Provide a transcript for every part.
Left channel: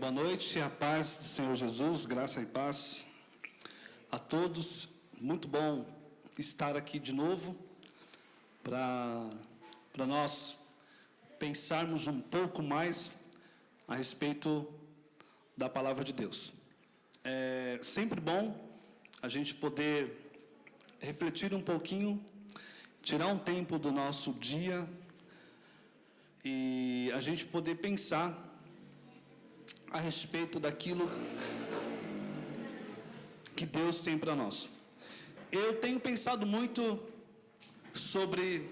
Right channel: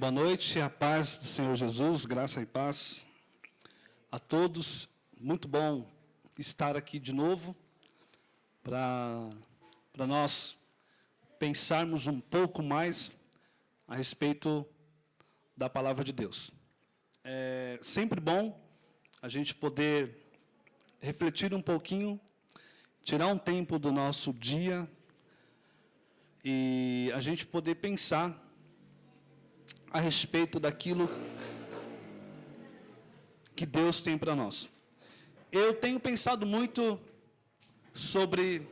Boa noite, a paz do Senhor Jesus, graça e paz a todos. Muito bom estar aqui de novo para nós pensarmos um pouco mais a respeito da palavra de Deus. É sempre bom a gente poder refletir um pouquinho, tirar um tempo do nosso dia e a gente poder pensar a respeito daquilo que Deus tem para nós. Eu tenho pensado muito sobre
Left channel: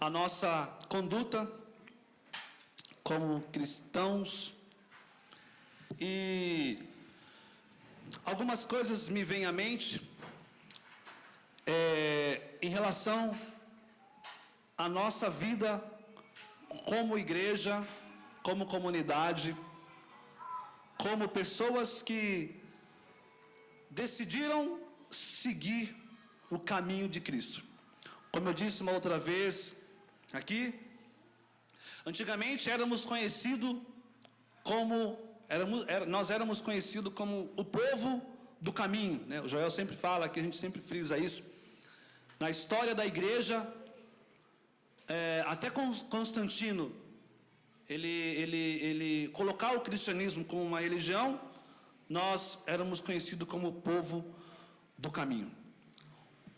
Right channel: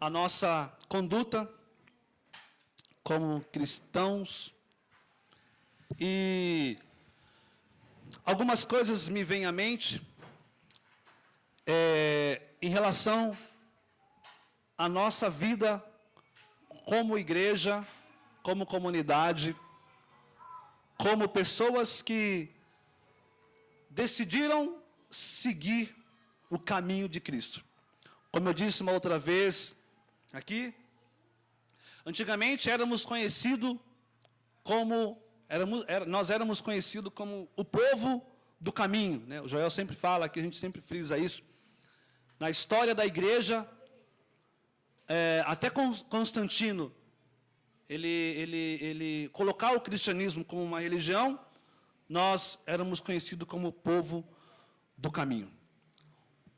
a nossa conduta como cristãos e algumas coisas me vêm à mente em relação à nossa vida como igreja, como comunidade, como pessoas que decidiram seguir o caminho de Cristo. Como eu disse uma outra vez aqui, antigamente nós éramos conhecidos como o povo do caminho, né? O Joel sempre fala, que a gente sempre frisa isso. Na história da igreja, até Constantino, ele colocar o cristianismo como uma religião, nós éramos conhecidos como o povo do caminho.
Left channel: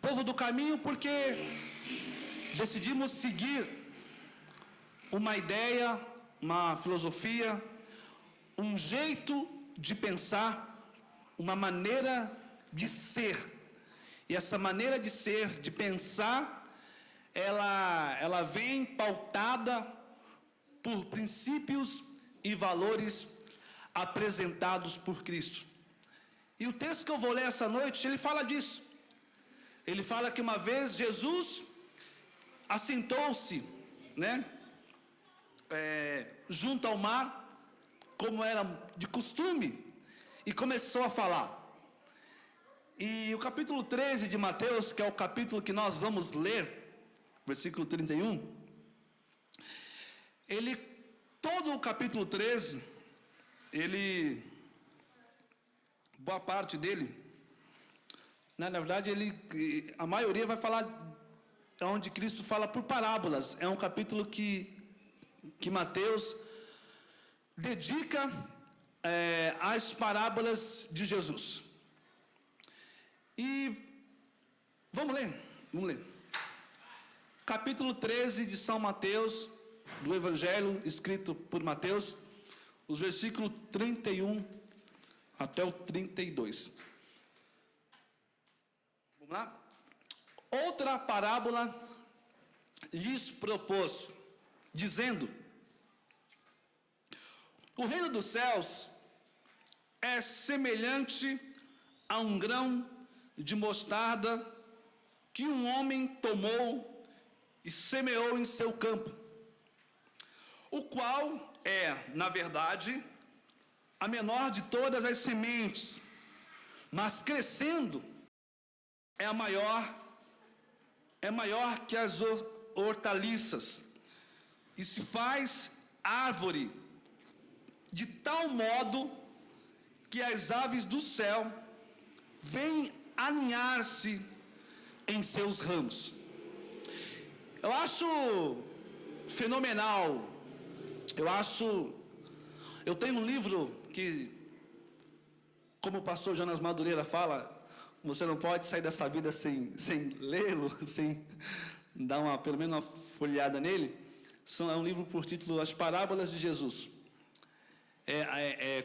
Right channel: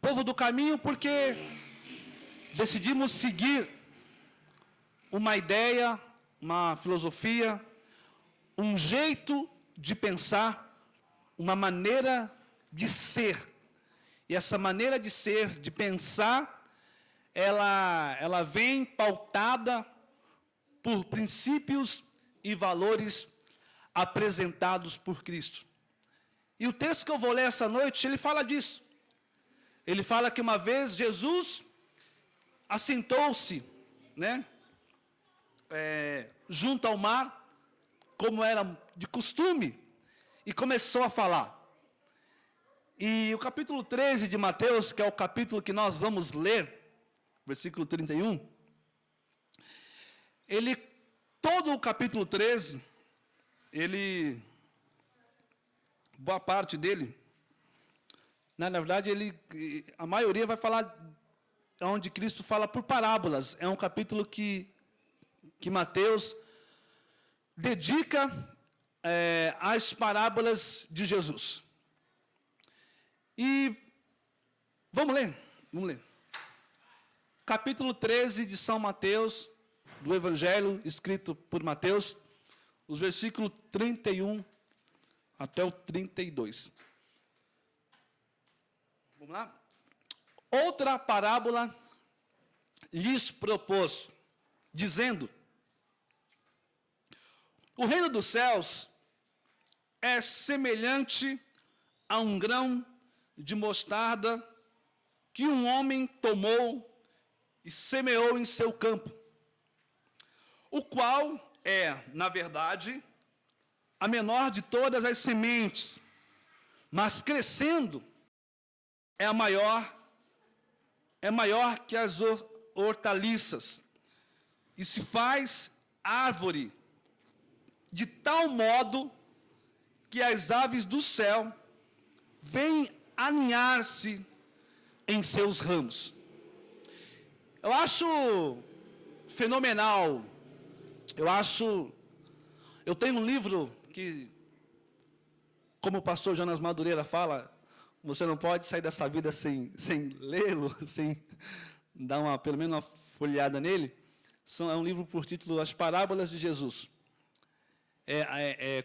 Povo do caminho porque decidimos seguir uma ideia, uma filosofia, um jeito de pensar, uma maneira de ser. E essa maneira de ser, de pensar, ela vem pautada por princípios e valores apresentados por Cristo. E o texto que eu vou ler essa noite, ele fala disso. Ele fala que uma vez Jesus assentou-se, né, junto ao mar, como era de costume, e começou a falar. E o capítulo 13 de Mateus, que é o capítulo que nós vamos ler, versículo 31, todo o capítulo 13, boa parte dele, na verdade, a maioria vai falar onde Cristo fala por parábolas. É um capítulo que Mateus dedica às parábolas de Jesus. E vamos ler. Capítulo 13 de São Mateus, do Evangelho escrito por Mateus, os versículos 31 até o 32. Vamos lá? Outra parábola lhes propôs, dizendo: o reino dos céus é semelhante a um grão de mostarda que um homem tomou e semeou em seu campo, o qual é, na verdade, a menor de todas as sementes, mas crescendo é maior que as hortaliças, e se faz árvore de tal modo que as aves do céu vêm aninhar-se em seus ramos. Eu acho fenomenal. Eu tenho um livro que, como o pastor Jonas Madureira fala, você não pode sair dessa vida sem lê-lo, sem dar pelo menos uma folheada nele. É um livro por título As Parábolas de Jesus.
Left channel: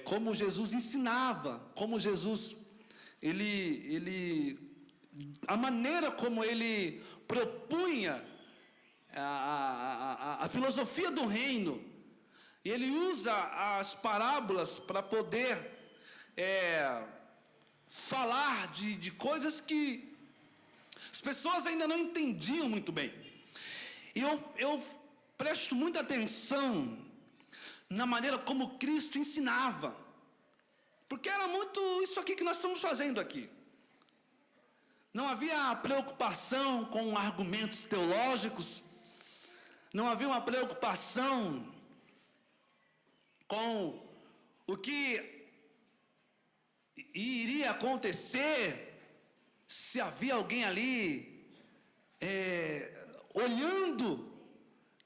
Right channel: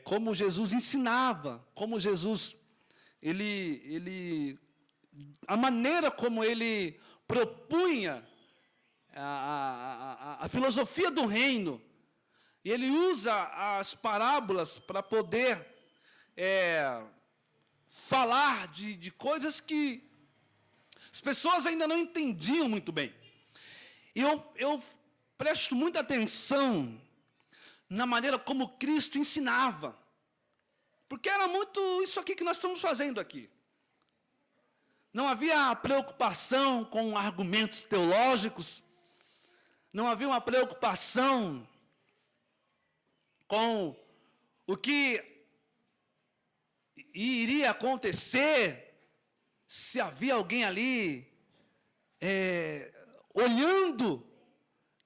Como Jesus ensinava, como Jesus, a maneira como ele propunha a filosofia do reino. E ele usa as parábolas para poder falar de coisas que as pessoas ainda não entendiam muito bem. Eu presto muita atenção na maneira como Cristo ensinava, porque era muito isso aqui que nós estamos fazendo aqui. Não havia preocupação com argumentos teológicos, não havia uma preocupação com o que iria acontecer se havia alguém ali olhando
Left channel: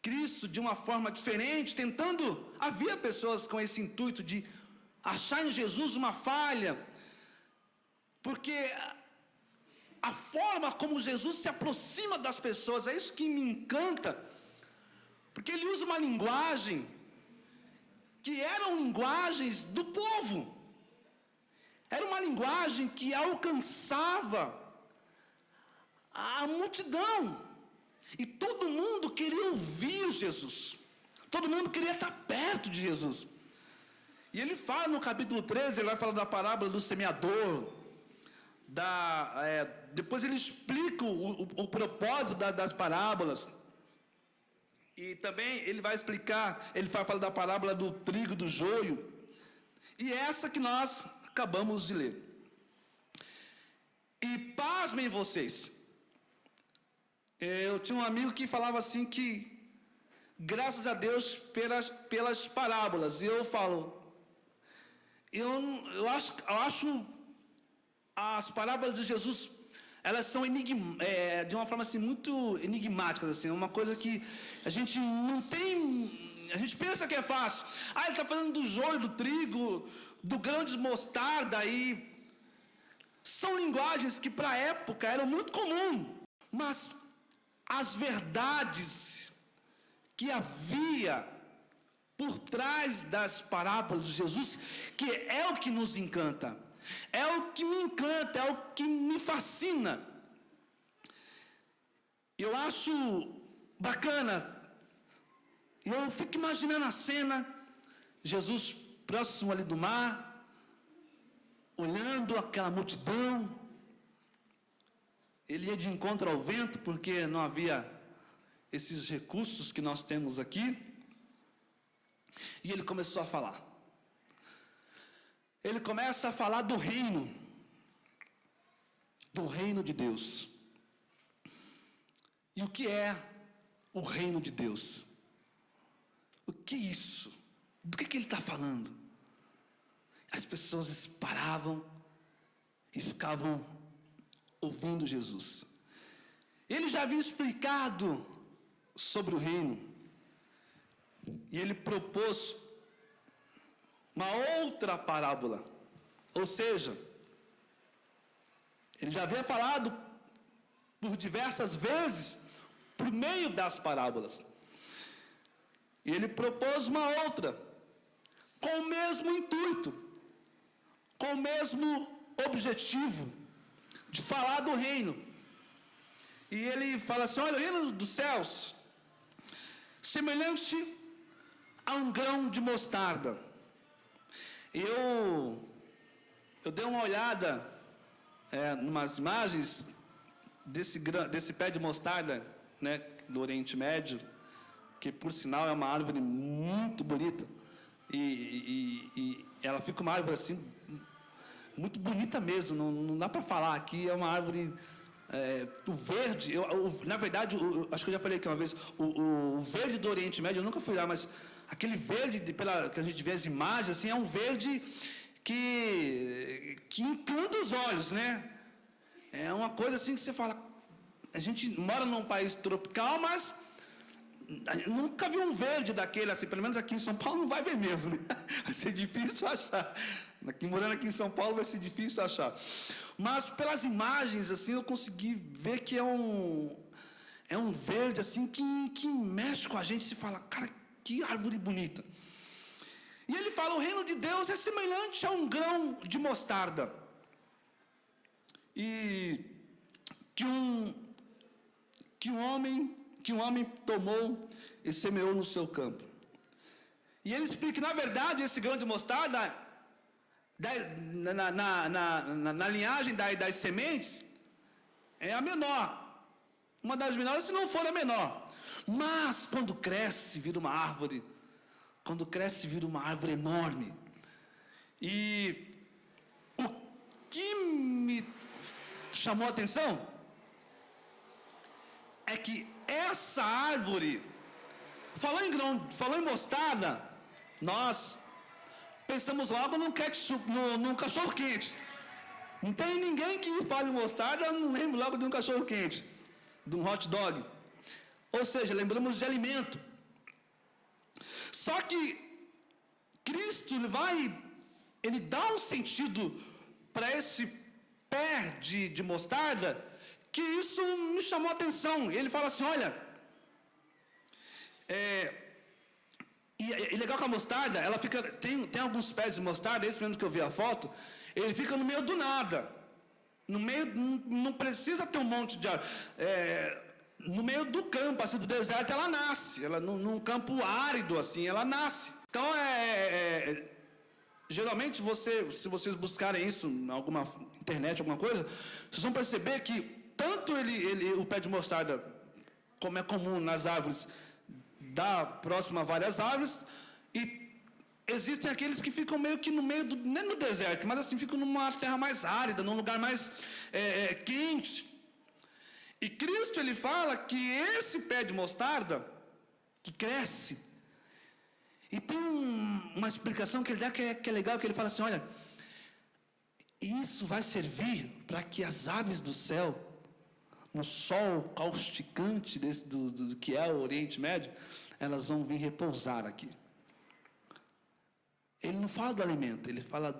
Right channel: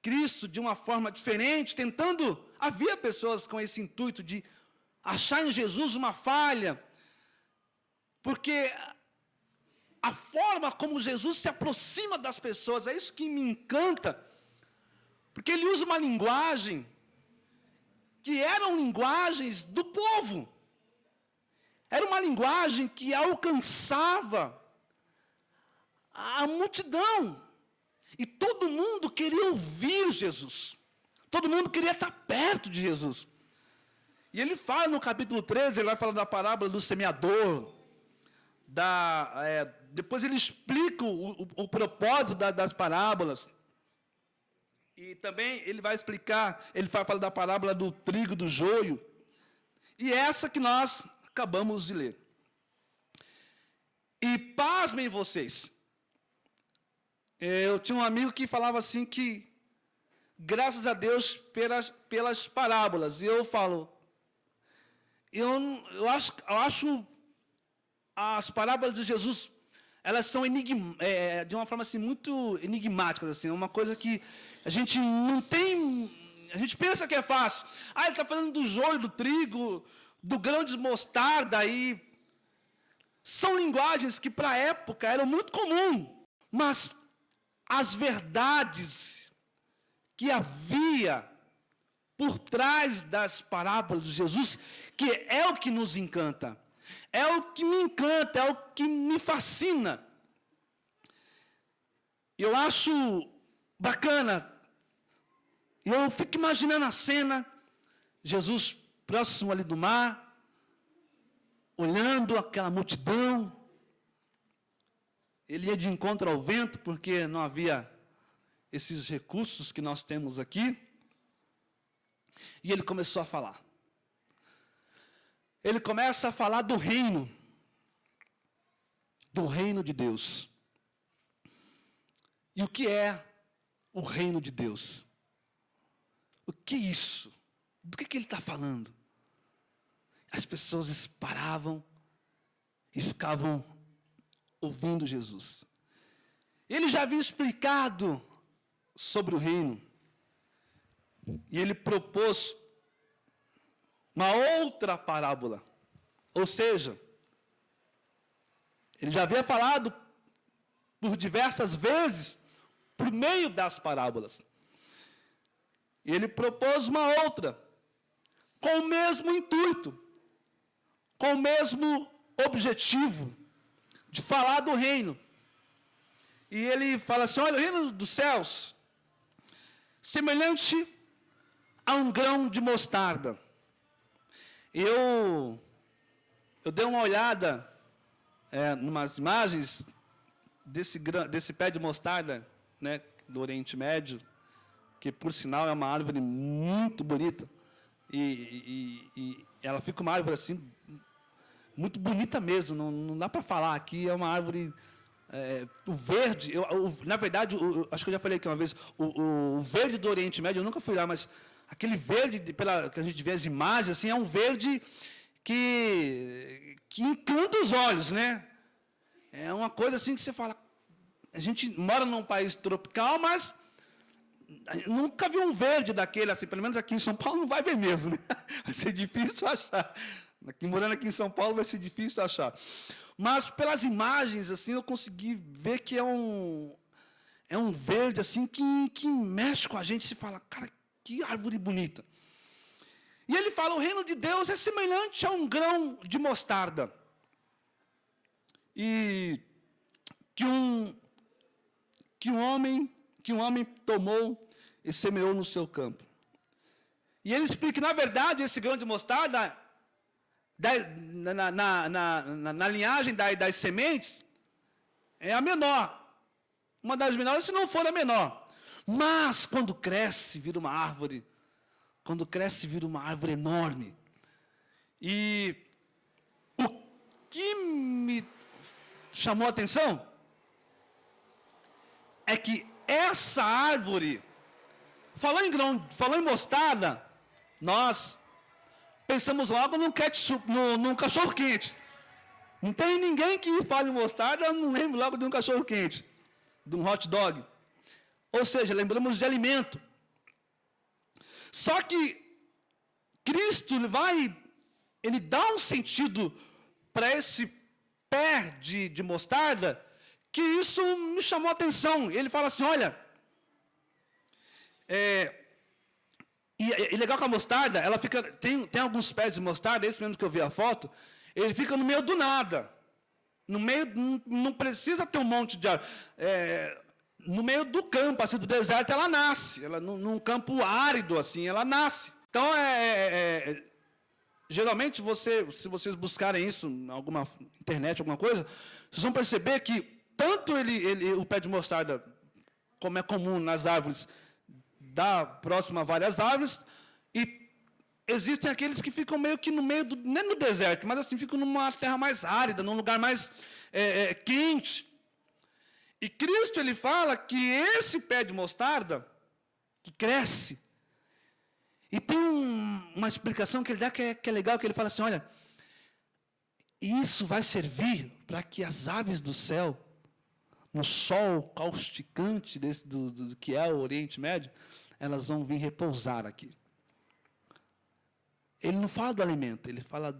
Cristo de uma forma diferente, tentando. Havia pessoas com esse intuito de achar em Jesus uma falha, porque a forma como Jesus se aproxima das pessoas, é isso que me encanta, porque ele usa uma linguagem que eram linguagens do povo, era uma linguagem que alcançava a multidão, e todo mundo queria ouvir Jesus, todo mundo queria estar perto de Jesus. E ele fala no capítulo 13, ele vai falar da parábola do semeador, depois ele explica o propósito das parábolas, e também ele vai explicar, ele vai falar da parábola do trigo, do joio, e essa que nós acabamos de ler. E pasmem vocês, eu tinha um amigo que falava assim que, graças a Deus pelas parábolas, e eu falo, eu acho as parábolas de Jesus, elas são de uma forma assim, muito enigmáticas, assim, uma coisa que a gente não tem, a gente pensa que é fácil. Ele está falando do joio, do trigo, do grão de mostarda, e são linguagens que para a época eram muito comuns, mas as verdades que havia por trás das parábolas de Jesus, que é o que nos encanta, é o que me encanta, é o que me fascina. Eu acho bacana, eu fico imaginando a cena, Jesus próximo ali do mar, olhando aquela multidão, ele ia de encontro ao vento, porque não havia esses recursos que nós temos aqui, e ele começou a falar. Ele começa a falar do reino de Deus. E o que é o reino de Deus? O que é isso? Do que ele está falando? As pessoas paravam e ficavam ouvindo Jesus. Ele já havia explicado sobre o reino, e ele propôs uma outra parábola, ou seja, ele já havia falado por diversas vezes, por meio das parábolas, e ele propôs uma outra, com o mesmo intuito, com o mesmo objetivo, de falar do reino. E ele fala assim, olha, o reino dos céus, semelhante a um grão de mostarda. Eu dei uma olhada numas imagens desse pé de mostarda, né, do Oriente Médio, que por sinal é uma árvore muito bonita, e ela fica uma árvore assim, muito bonita mesmo, não dá para falar, aqui é uma árvore, o verde, na verdade, acho que eu já falei aqui uma vez, o verde do Oriente Médio, eu nunca fui lá, mas aquele verde, que a gente vê as imagens, assim, é um verde que encanta os olhos, né? É uma coisa assim que você fala, a gente mora num país tropical, mas nunca vi um verde daquele, assim, pelo menos aqui em São Paulo não vai ver mesmo, né? Vai ser difícil achar. Morando aqui em São Paulo vai ser difícil achar. Mas pelas imagens, assim, eu consegui ver que é um verde, assim, que mexe com a gente, se fala, cara, que árvore bonita. E ele fala, o reino de Deus é semelhante a um grão de mostarda. E que um homem tomou e semeou no seu campo. E ele explica que, na verdade, esse grão de mostarda, na linhagem das sementes, é a menor. Uma das menores, se não for a menor. Mas, quando cresce, vira uma árvore. Quando cresce, vira uma árvore enorme. E o que me chamou a atenção é que essa árvore, falou em mostarda, nós pensamos logo num ketchup, num cachorro quente. Não tem ninguém que fale mostarda, não lembro logo de um cachorro quente, de um hot dog. Ou seja, lembramos de alimento. Só que Cristo ele dá um sentido para esse pé de mostarda, que isso me chamou a atenção. Ele fala assim, olha, e legal que a mostarda, ela fica, tem alguns pés de mostarda, esse mesmo que eu vi a foto, ele fica no meio do nada. No meio, não precisa ter um monte de árvore. No meio do campo, assim, do deserto, ela nasce. Ela, num campo árido, assim, ela nasce. Então, geralmente, se vocês buscarem isso em alguma internet, alguma coisa, vocês vão perceber que tanto o pé de mostarda, como é comum nas árvores, dá próximo a várias árvores, e existem aqueles que ficam meio que no meio, nem no deserto, mas assim, ficam numa terra mais árida, num lugar mais quente. E Cristo, ele fala que esse pé de mostarda, que cresce, e tem uma explicação que ele dá que é legal, que ele fala assim, olha, isso vai servir para que as aves do céu, no sol causticante do que é o Oriente Médio, elas vão vir repousar aqui. Ele não fala do alimento, ele fala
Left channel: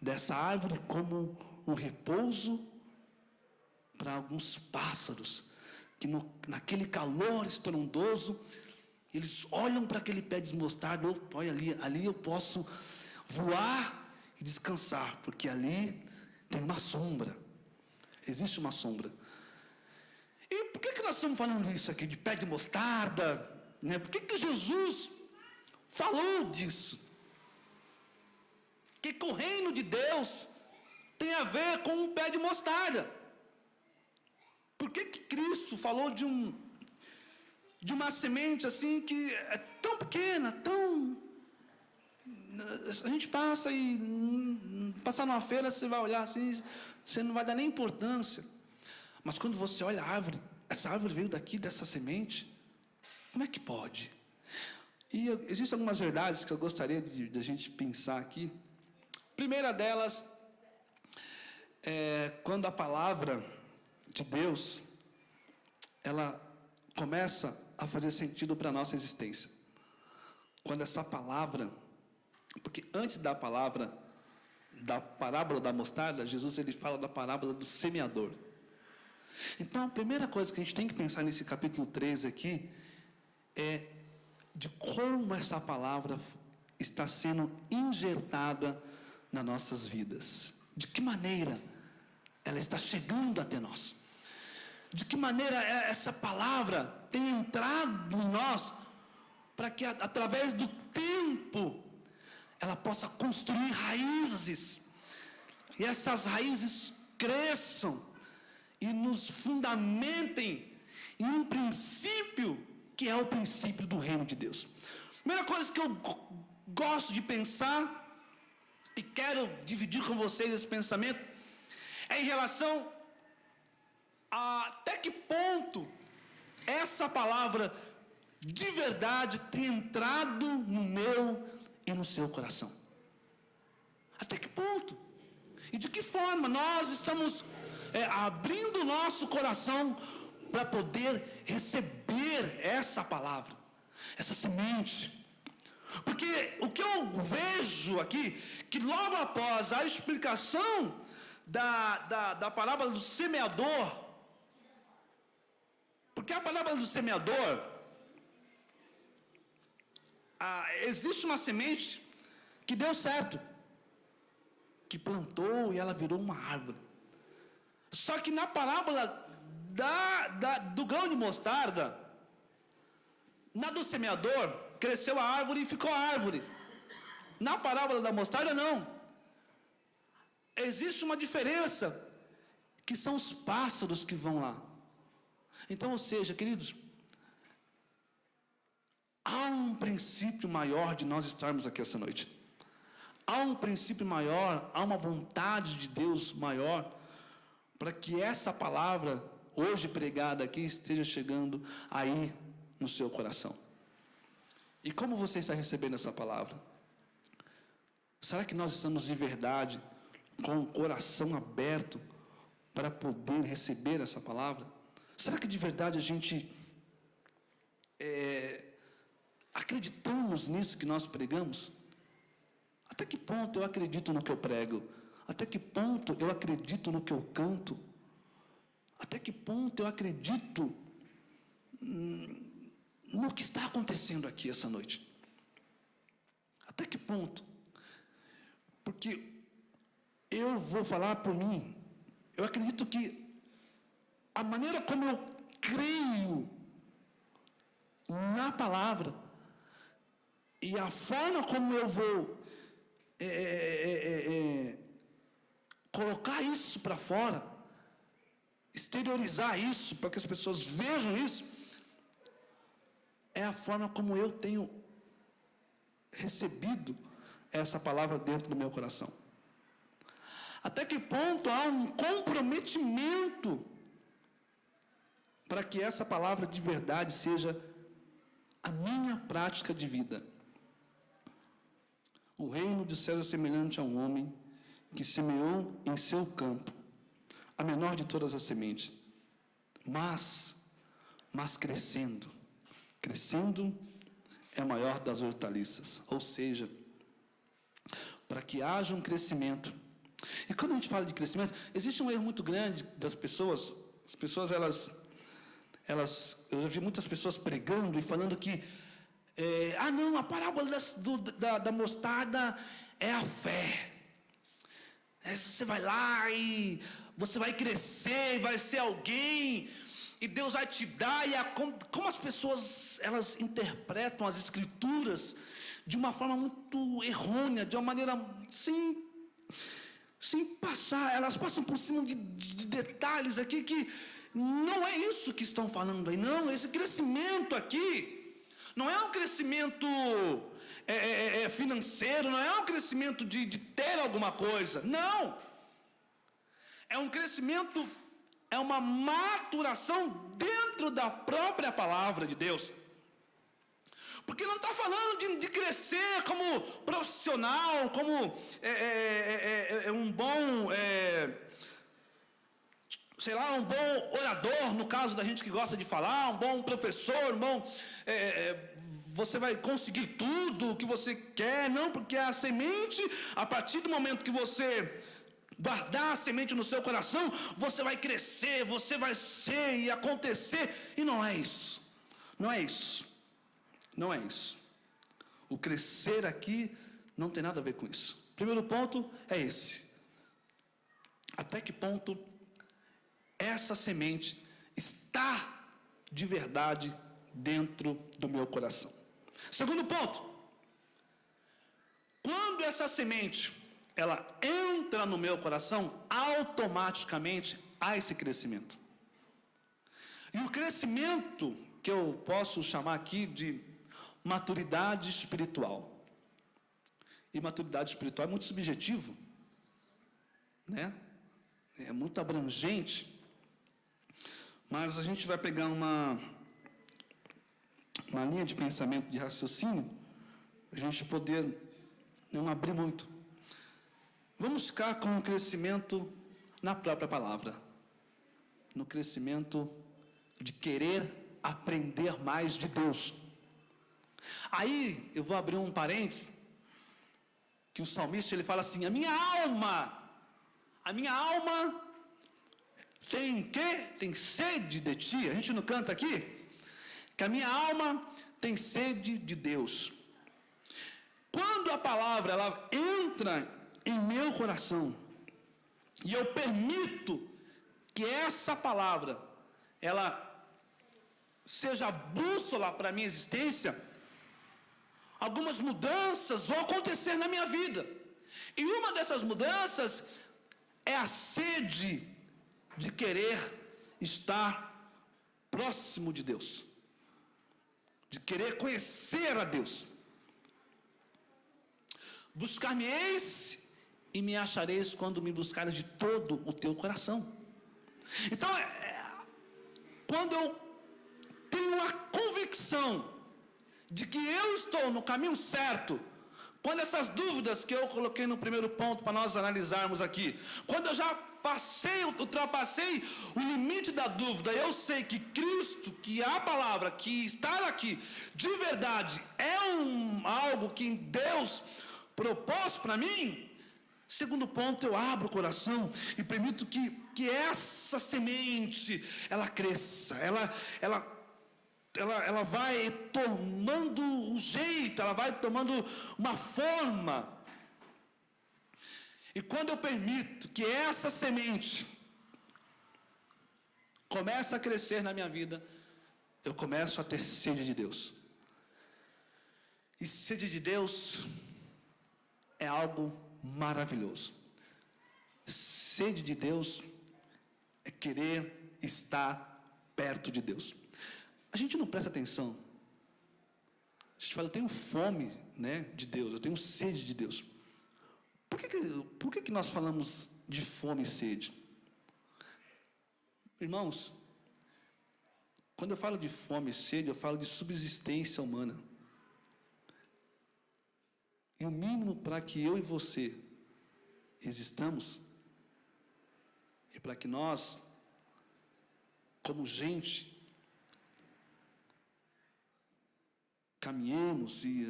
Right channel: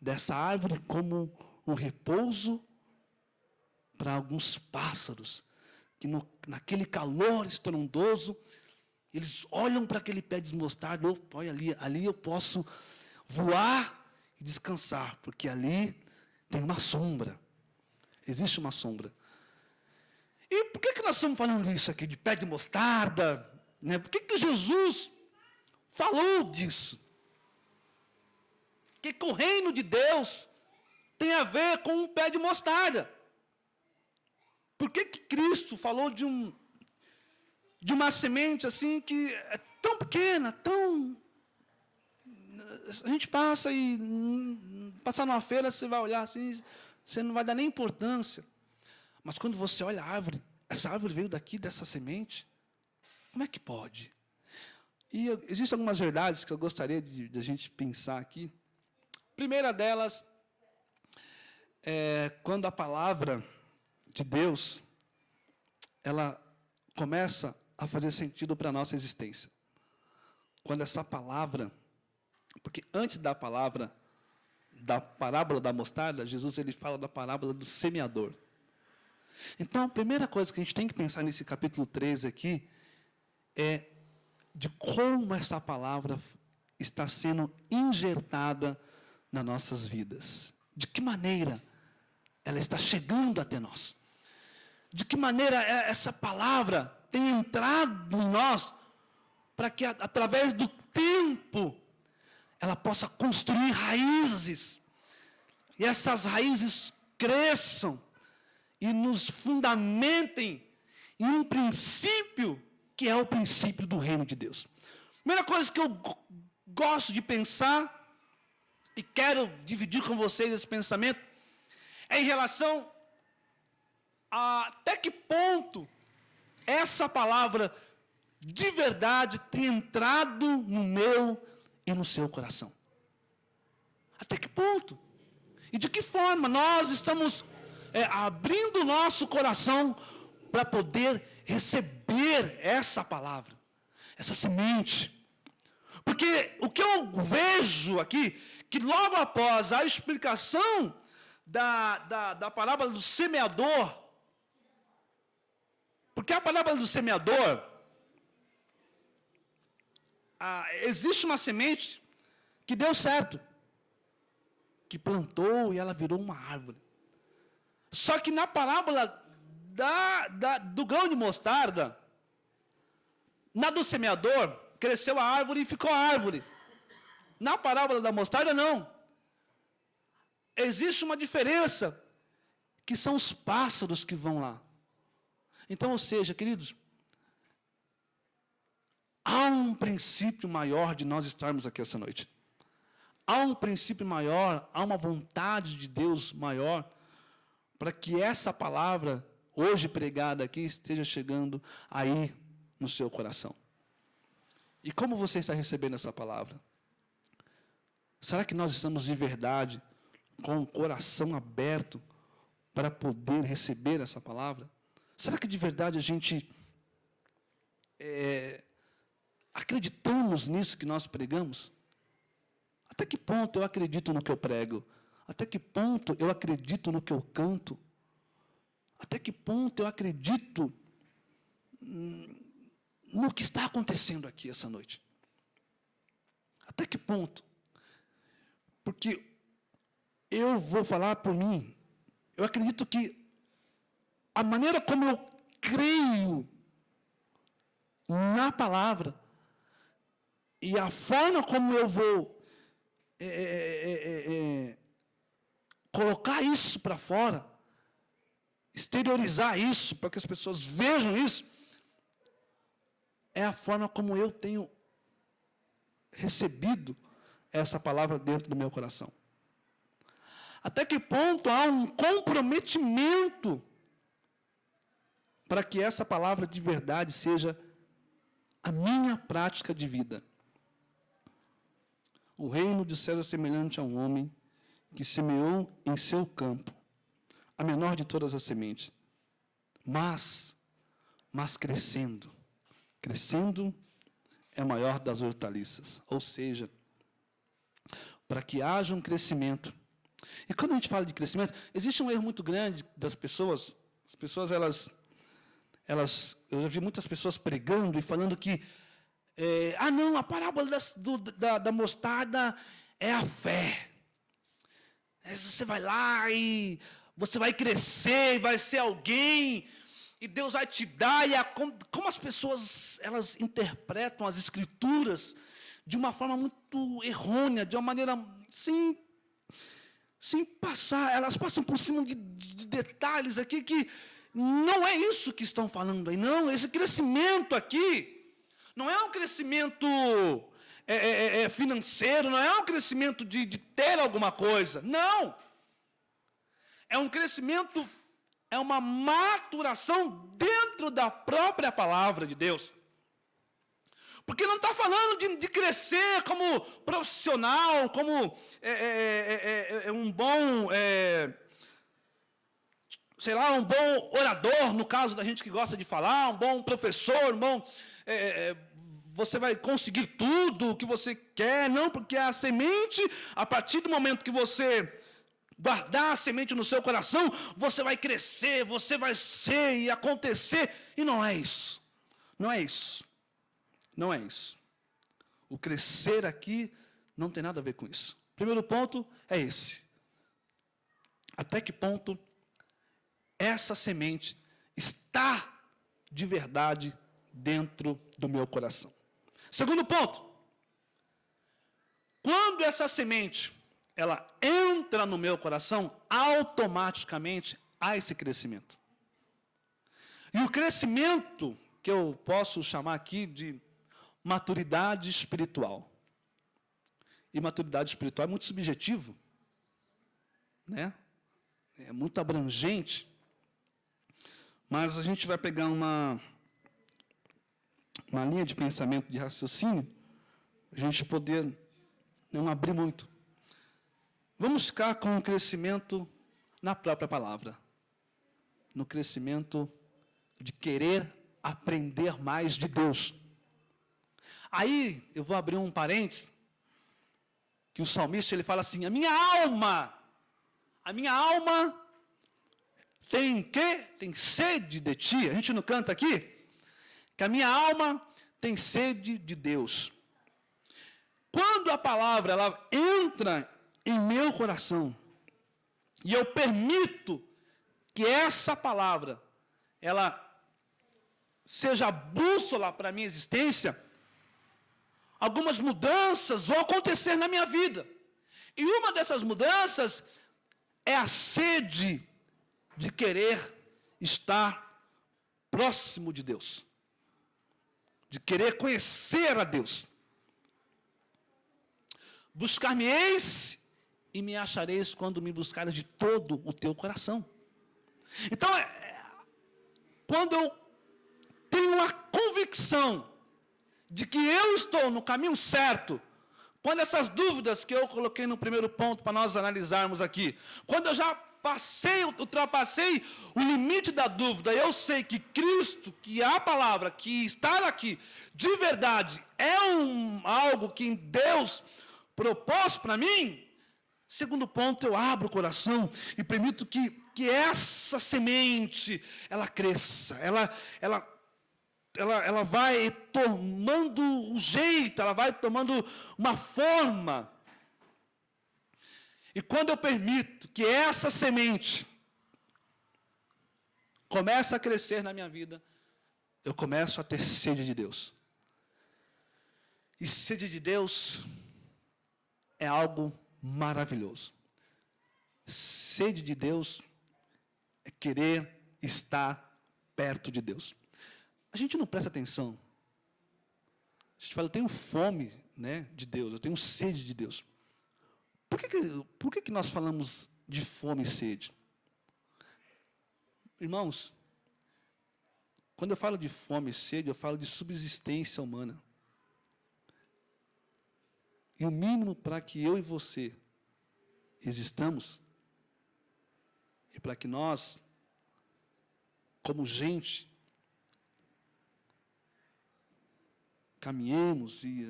dessa árvore como um repouso para alguns pássaros, que naquele calor estrondoso, eles olham para aquele pé de mostarda, olha ali eu posso voar e descansar, porque ali tem uma sombra, existe uma sombra. E por que nós estamos falando isso aqui, de pé de mostarda? Né? Por que Jesus falou disso? Que o reino de Deus tem a ver com um pé de mostarda. Por que Cristo falou de uma semente assim que é tão pequena, a gente passa e passar numa feira, você vai olhar assim, você não vai dar nem importância. Mas quando você olha a árvore, essa árvore veio daqui, dessa semente, como é que pode? E existem algumas verdades que eu gostaria de a gente pensar aqui. A primeira delas é quando a palavra de Deus, ela começa a fazer sentido para a nossa existência. Quando essa palavra, porque antes da palavra, da parábola da mostarda, Jesus ele fala da parábola do semeador. Então, a primeira coisa que a gente tem que pensar nesse capítulo 13 aqui, é de como essa palavra está sendo injertada nas nossas vidas. De que maneira ela está chegando até nós. De que maneira essa palavra tem entrado em nós, para que através do tempo, ela possa construir raízes, e essas raízes cresçam, e nos fundamentem em um princípio, que é o princípio do reino de Deus. Primeira coisa que eu gosto de pensar, e quero dividir com vocês esse pensamento, é em relação a até que ponto essa palavra de verdade tem entrado no meu e no seu coração. Até que ponto? E de que forma nós estamos abrindo o nosso coração para poder receber essa palavra, essa semente. Porque o que eu vejo aqui, que logo após a explicação da parábola do semeador, porque a parábola do semeador, existe uma semente que deu certo, que plantou e ela virou uma árvore. Só que na parábola do grão de mostarda, na do semeador, cresceu a árvore e ficou a árvore. Na parábola da mostarda, não. Existe uma diferença, que são os pássaros que vão lá. Então, ou seja, queridos, há um princípio maior de nós estarmos aqui essa noite. Há um princípio maior, há uma vontade de Deus maior, para que essa palavra, hoje pregada aqui, esteja chegando aí no seu coração. E como você está recebendo essa palavra? Será que nós estamos de verdade com o coração aberto para poder receber essa palavra? Será que de verdade a gente acreditamos nisso que nós pregamos? Até que ponto eu acredito no que eu prego? Até que ponto eu acredito no que eu canto? Até que ponto eu acredito no que está acontecendo aqui essa noite? Até que ponto? Porque eu vou falar por mim, eu acredito que a maneira como eu creio na palavra e a forma como eu vou colocar isso para fora, exteriorizar isso, para que as pessoas vejam isso, é a forma como eu tenho recebido essa palavra dentro do meu coração. Até que ponto há um comprometimento para que essa palavra de verdade seja a minha prática de vida. O reino de céus é semelhante a um homem que semeou em seu campo a menor de todas as sementes, mas crescendo é a maior das hortaliças. Ou seja, para que haja um crescimento. E quando a gente fala de crescimento, existe um erro muito grande das pessoas. As pessoas, eu já vi muitas pessoas pregando e falando que não, a parábola da mostarda é a fé. Você vai lá e você vai crescer, vai ser alguém, e Deus vai te dar. Como as pessoas, elas interpretam as escrituras de uma forma muito errônea, de uma maneira sem passar, elas passam por cima de detalhes aqui que não é isso que estão falando aí, não. Esse crescimento aqui não é um crescimento financeiro, não é um crescimento de ter alguma coisa, não. É um crescimento, é uma maturação dentro da própria palavra de Deus. Porque não está falando de crescer como profissional, como um bom, um bom orador, no caso da gente que gosta de falar, um bom professor, você vai conseguir tudo o que você quer. Não, porque a semente, a partir do momento que você guardar a semente no seu coração, você vai crescer, você vai ser e acontecer. E não é isso. Não é isso. Não é isso. O crescer aqui não tem nada a ver com isso. Primeiro ponto é esse. Até que ponto essa semente está de verdade dentro do meu coração? Segundo ponto, quando essa semente ela entra no meu coração, automaticamente há esse crescimento. E o crescimento que eu posso chamar aqui de maturidade espiritual. E maturidade espiritual é muito subjetivo, né? É muito abrangente. Mas a gente vai pegar uma linha de pensamento, de raciocínio, a gente poder não abrir muito. Vamos ficar com o crescimento na própria palavra. No crescimento de querer aprender mais de Deus. Aí, eu vou abrir um parênteses, que o salmista, ele fala assim: a minha alma tem quê? Tem sede de ti. A gente não canta aqui? Que a minha alma tem sede de Deus. Quando a palavra, ela entra em meu coração, e eu permito que essa palavra, ela seja a bússola para a minha existência, algumas mudanças vão acontecer na minha vida. E uma dessas mudanças é a sede de querer estar próximo de Deus, de querer conhecer a Deus. Buscar-me-eis e me achareis quando me buscares de todo o teu coração. Então, quando eu tenho a convicção de que eu estou no caminho certo, Quando essas dúvidas que eu coloquei no primeiro ponto para nós analisarmos aqui, quando eu já ultrapassei o limite da dúvida, eu sei que Cristo, que a palavra, que estar aqui de verdade é algo que Deus propôs para mim. Segundo ponto, eu abro o coração e permito que essa semente, ela cresça, ela vai tomando um jeito, ela vai tomando uma forma. E quando eu permito que essa semente comece a crescer na minha vida, eu começo a ter sede de Deus. E sede de Deus é algo maravilhoso. Sede de Deus é querer estar perto de Deus. A gente não presta atenção. A gente fala, eu tenho fome, né, de Deus, eu tenho sede de Deus. Por que nós falamos de fome e sede? Irmãos, quando eu falo de fome e sede, eu falo de subsistência humana. E o mínimo para que eu e você existamos, e para que nós, como gente, caminhemos e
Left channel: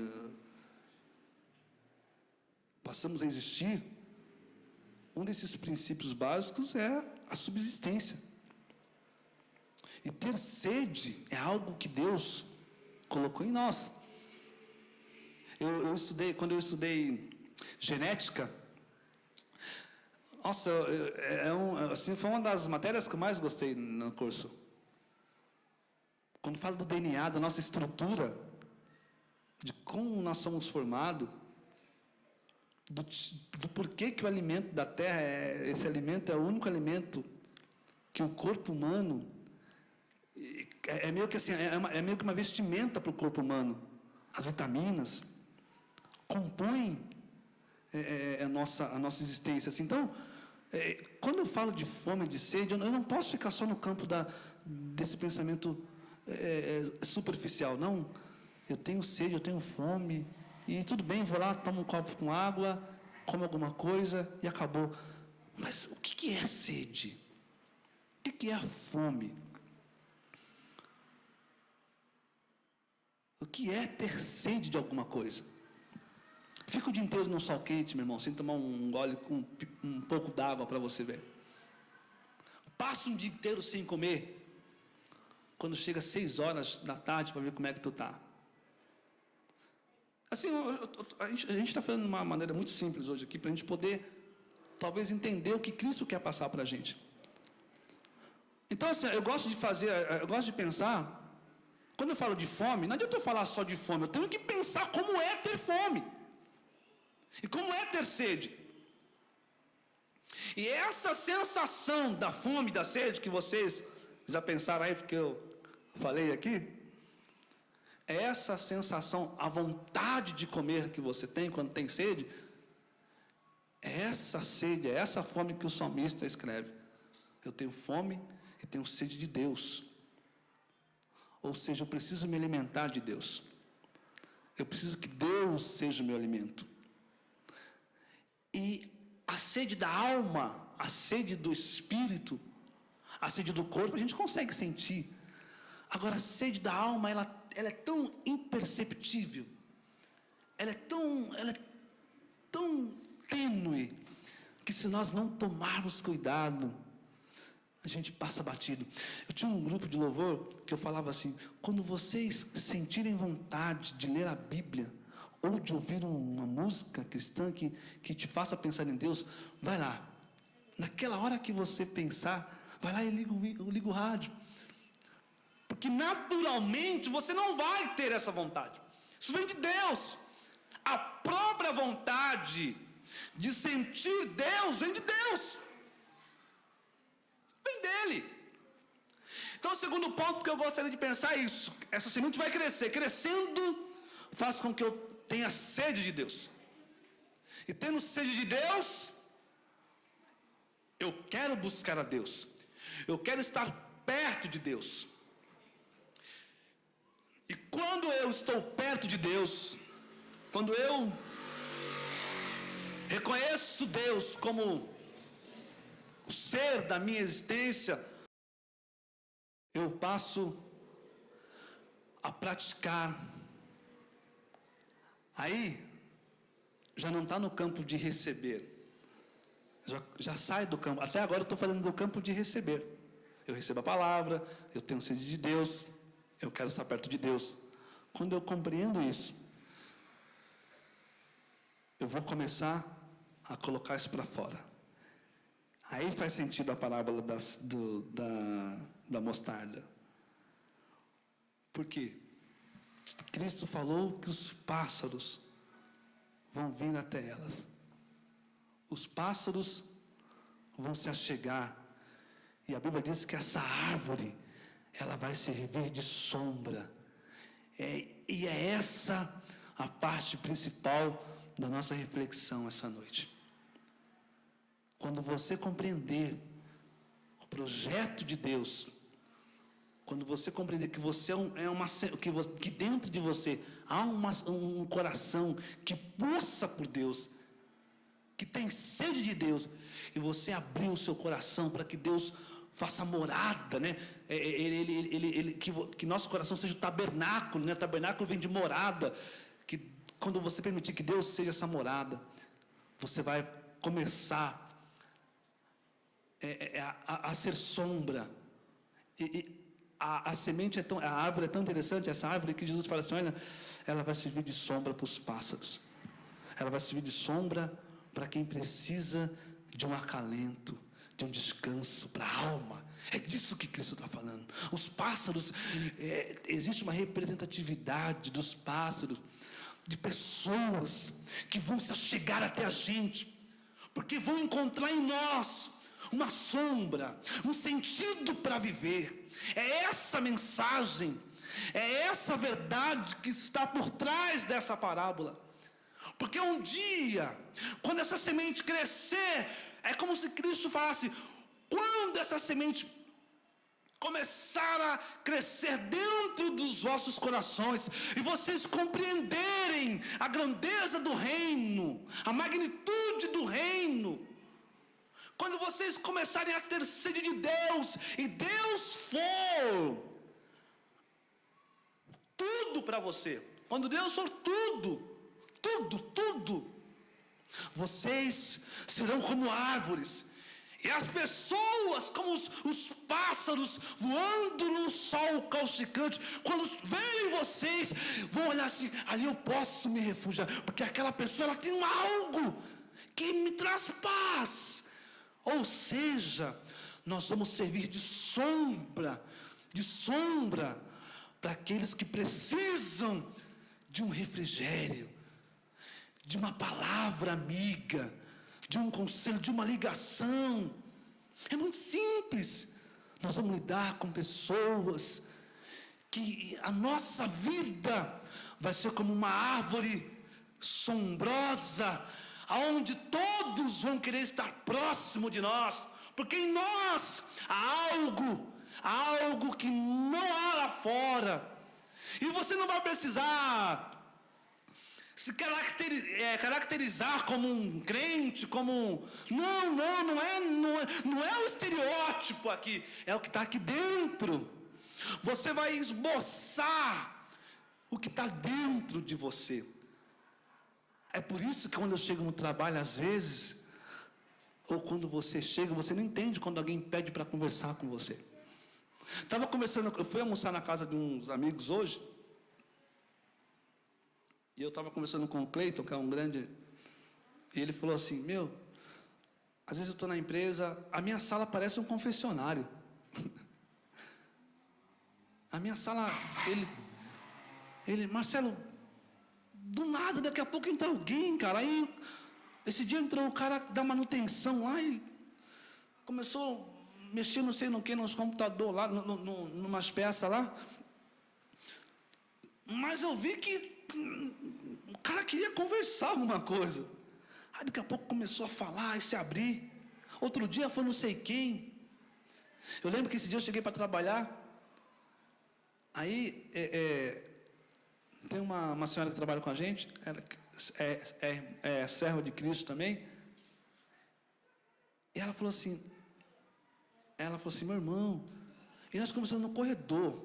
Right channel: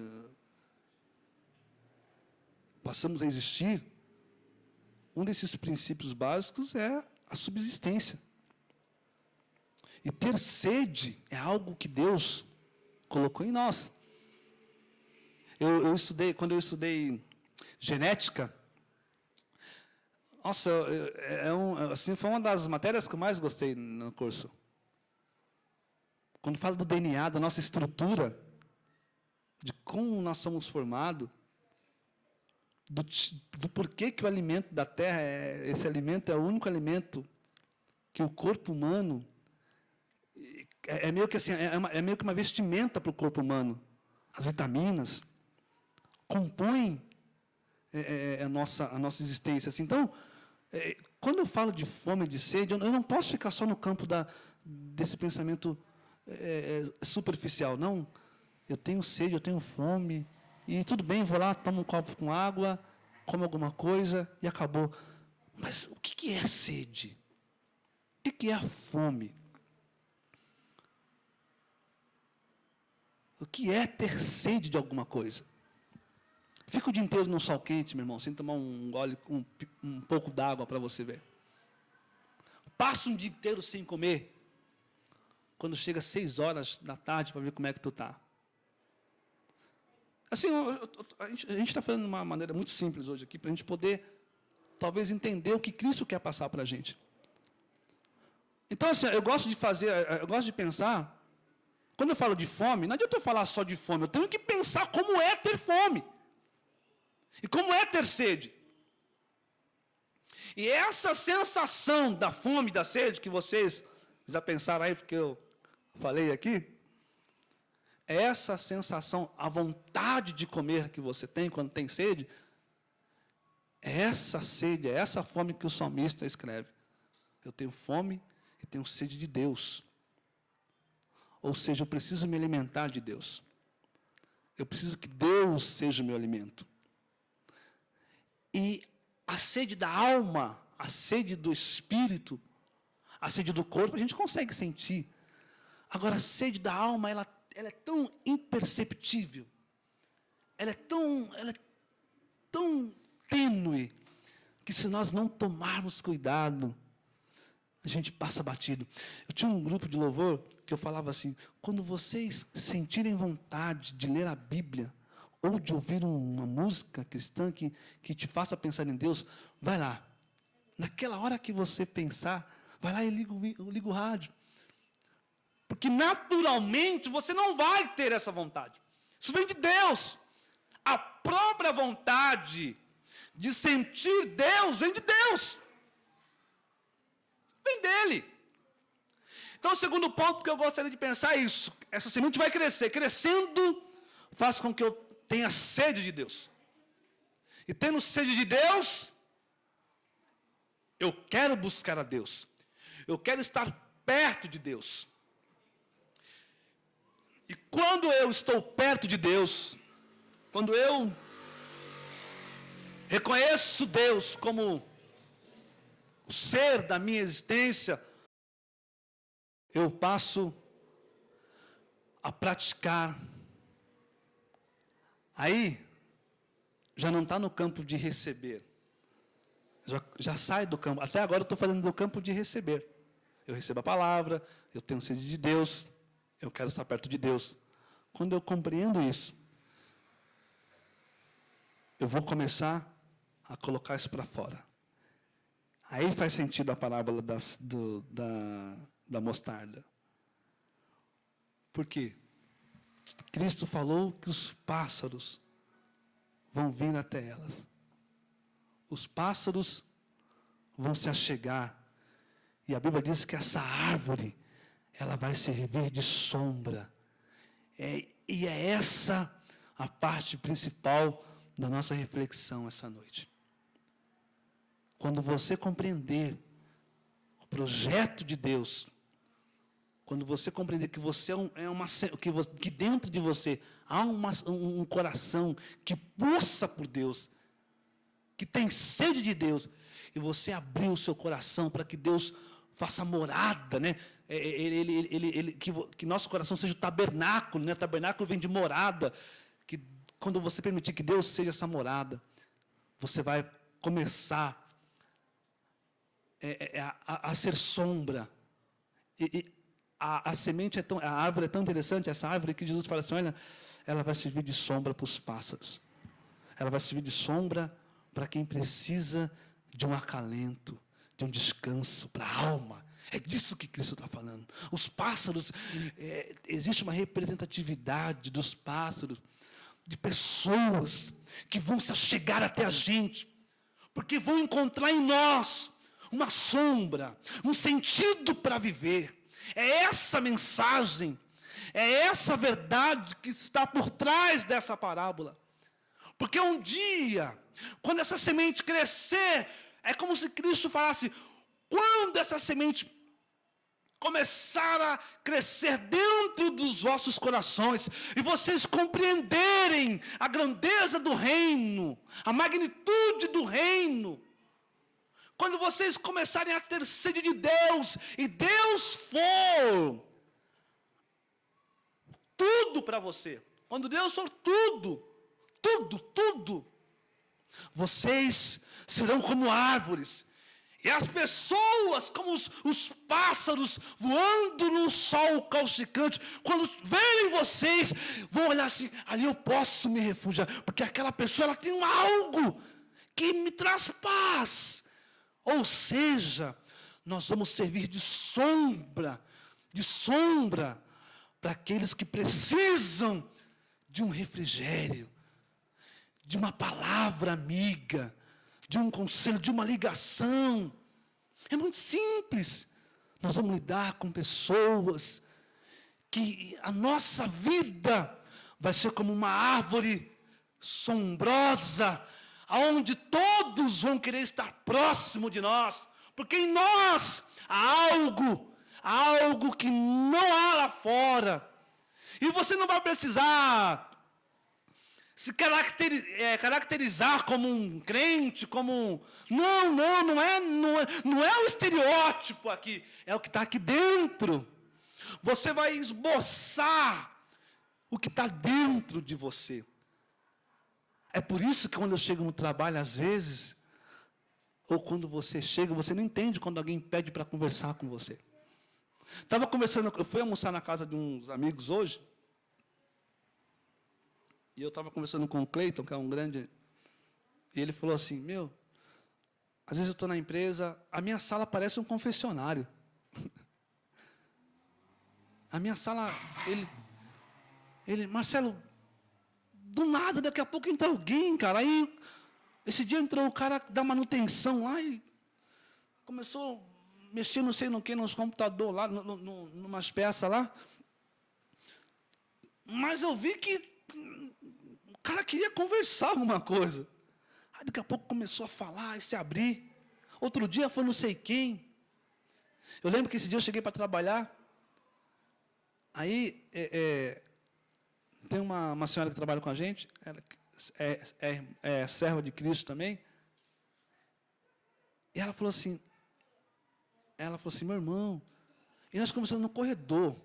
passamos a existir, um desses princípios básicos é a subsistência. E ter sede é algo que Deus colocou em nós. Quando eu estudei genética, nossa, assim, foi uma das matérias que eu mais gostei no curso. Quando fala do DNA, da nossa estrutura, de como nós somos formados, do porquê que o alimento da terra, esse alimento é o único alimento que o corpo humano, é meio que assim, é meio que uma vestimenta para o corpo humano. As vitaminas compõem a nossa existência. Assim. Então, quando eu falo de fome e de sede, eu não posso ficar só no campo desse pensamento superficial. Não, eu tenho sede, eu tenho fome, e tudo bem, vou lá, tomo um copo com água, como alguma coisa e acabou. Mas o que é sede? O que é a fome? O que é ter sede de alguma coisa? Fica o dia inteiro num sol quente, meu irmão, sem tomar um gole, um pouco d'água para você ver. Passa um dia inteiro sem comer. Quando chega às 6 horas da tarde para ver como é que tu está. Assim, a gente está falando de uma maneira muito simples hoje aqui, para a gente poder, talvez, entender o que Cristo quer passar para a gente. Então, assim, eu gosto de pensar, quando eu falo de fome, não adianta eu falar só de fome, eu tenho que pensar como é ter fome. E como é ter sede. E essa sensação da fome e da sede, que vocês já pensaram aí, porque eu falei aqui, essa sensação, a vontade de comer que você tem quando tem sede, é essa sede, é essa fome que o salmista escreve. Eu tenho fome e tenho sede de Deus. Ou seja, eu preciso me alimentar de Deus. Eu preciso que Deus seja o meu alimento. E a sede da alma, a sede do espírito, a sede do corpo, a gente consegue sentir. Agora, a sede da alma, ela é tão imperceptível, ela é tão tênue, que se nós não tomarmos cuidado, a gente passa batido. Eu tinha um grupo de louvor que eu falava assim, quando vocês sentirem vontade de ler a Bíblia, ou de ouvir uma música cristã que te faça pensar em Deus, vai lá. Naquela hora que você pensar, vai lá e liga o rádio. Porque naturalmente você não vai ter essa vontade. Isso vem de Deus. A própria vontade de sentir Deus vem de Deus. Vem dele. Então, o segundo ponto que eu gostaria de pensar é isso. Essa semente vai crescer. Crescendo, faz com que eu tenha sede de Deus. E tendo sede de Deus, eu quero buscar a Deus. Eu quero estar perto de Deus. E quando eu estou perto de Deus, quando eu reconheço Deus como o ser da minha existência, eu passo a praticar. Aí, já não está no campo de receber. Já sai do campo. Até agora eu estou fazendo do campo de receber. Eu recebo a palavra, eu tenho sede de Deus, eu quero estar perto de Deus. Quando eu compreendo isso, eu vou começar a colocar isso para fora. Aí faz sentido a parábola da mostarda. Por quê? Cristo falou que os pássaros vão vir até elas. Os pássaros vão se achegar. E a Bíblia diz que essa árvore, ela vai servir de sombra. E é essa a parte principal da nossa reflexão essa noite. Quando você compreender o projeto de Deus, quando você compreender que você que dentro de você há um coração que pulsa por Deus, que tem sede de Deus, e você abrir o seu coração para que Deus faça morada, né? Que nosso coração seja o tabernáculo, né? Tabernáculo vem de morada. Que quando você permitir que Deus seja essa morada, você vai começar a ser sombra. A semente a árvore é tão interessante, essa árvore que Jesus fala assim, olha, ela vai servir de sombra para os pássaros. Ela vai servir de sombra para quem precisa de um acalento, de um descanso para a alma. É disso que Cristo está falando. Os pássaros, existe uma representatividade dos pássaros, de pessoas que vão se achegar até a gente, porque vão encontrar em nós uma sombra, um sentido para viver. É essa mensagem, é essa verdade que está por trás dessa parábola. Porque um dia, quando essa semente crescer, é como se Cristo falasse, quando essa semente começar a crescer dentro dos vossos corações, e vocês compreenderem a grandeza do reino, a magnitude do reino, quando vocês começarem a ter sede de Deus, e Deus for tudo para você, quando Deus for tudo, vocês serão como árvores, e as pessoas como os pássaros voando no sol causticante, quando verem vocês, vão olhar assim, ali eu posso me refugiar, porque aquela pessoa ela tem algo que me traz paz. Ou seja, nós vamos servir de sombra para aqueles que precisam de um refrigério, de uma palavra amiga, de um conselho, de uma ligação. É muito simples. Nós vamos lidar com pessoas que a nossa vida vai ser como uma árvore sombrosa, aonde todos vão querer estar próximo de nós, porque em nós há algo que não há lá fora. E você não vai precisar se caracterizar como um crente, não é o estereótipo aqui, é o que está aqui dentro. Você vai esboçar o que está dentro de você. É por isso que quando eu chego no trabalho, às vezes, ou quando você chega, você não entende quando alguém pede para conversar com você. Eu fui almoçar na casa de uns amigos hoje, e eu estava conversando com o Cleiton, que é um grande, e ele falou assim, às vezes eu estou na empresa, a minha sala parece um confessionário. A minha sala, Marcelo, do nada, daqui a pouco entra alguém, cara. Aí, esse dia entrou o cara da manutenção lá e começou a mexer não sei no que, nos computadores lá, numas peças lá. Mas eu vi que o cara queria conversar alguma coisa. Aí daqui a pouco começou a falar e se abrir. Outro dia foi não sei quem. Eu lembro que esse dia eu cheguei para trabalhar. Aí, tem uma senhora que trabalha com a gente, é serva de Cristo também. E ela falou assim, meu irmão, e nós começamos no corredor.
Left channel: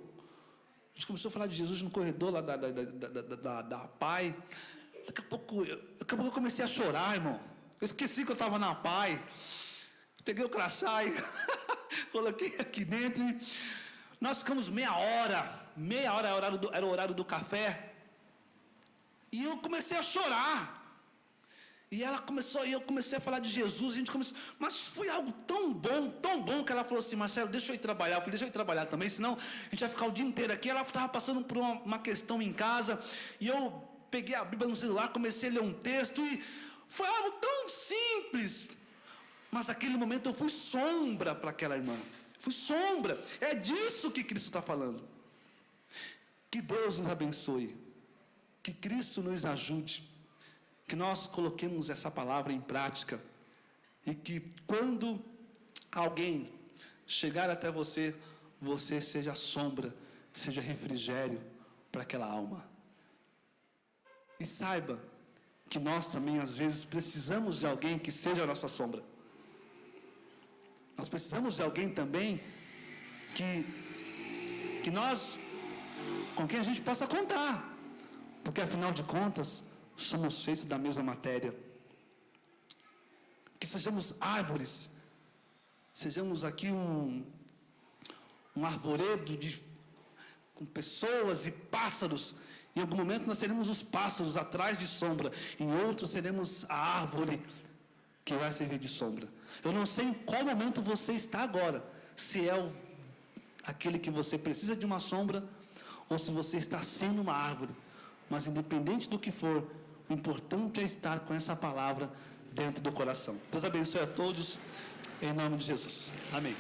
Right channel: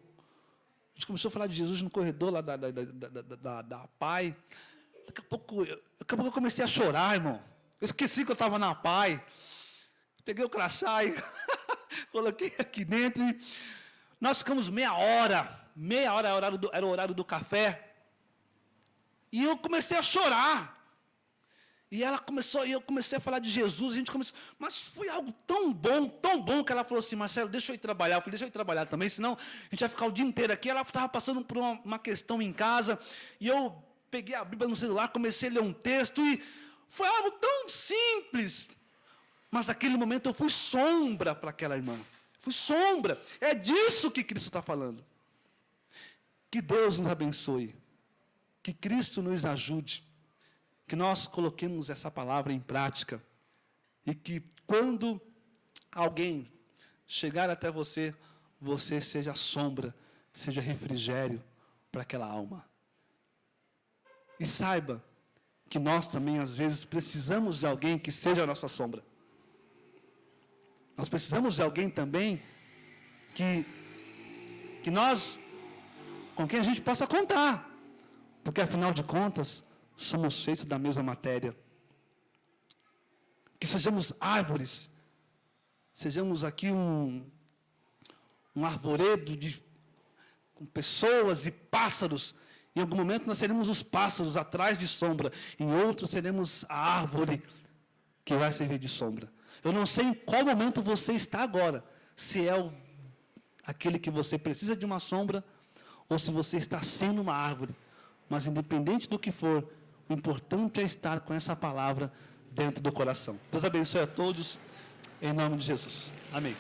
A gente começou a falar de Jesus no corredor lá da PAI. Daqui a pouco eu comecei a chorar, irmão. Eu esqueci que eu estava na PAI. Peguei o crachá e coloquei aqui dentro. E nós ficamos meia hora era o horário do café. E eu comecei a chorar. E eu comecei a falar de Jesus, a gente começou, mas foi algo tão bom, que ela falou assim, Marcelo, deixa eu ir trabalhar. Eu falei, deixa eu ir trabalhar também, senão a gente vai ficar o dia inteiro aqui. Ela estava passando por uma questão em casa, e eu peguei a Bíblia no celular, comecei a ler um texto, e foi algo tão simples, mas naquele momento eu fui sombra para aquela irmã, fui sombra. É disso que Cristo está falando. Que Deus nos abençoe, que Cristo nos ajude, que nós coloquemos essa palavra em prática, e que quando alguém chegar até você, você seja sombra, seja refrigério para aquela alma. E saiba que nós também às vezes precisamos de alguém que seja a nossa sombra. Nós precisamos de alguém também que nós, com quem a gente possa contar, porque afinal de contas somos feitos da mesma matéria. Que sejamos árvores, sejamos aqui um arvoredo com pessoas e pássaros. Em algum momento nós seremos os pássaros atrás de sombra, em outro seremos a árvore que vai servir de sombra. Eu não sei em qual momento você está agora, se é aquele que você precisa de uma sombra, ou se você está sendo uma árvore. Mas independente do que for, o importante é estar com essa palavra dentro do coração. Deus abençoe a todos, em nome de Jesus. Amém.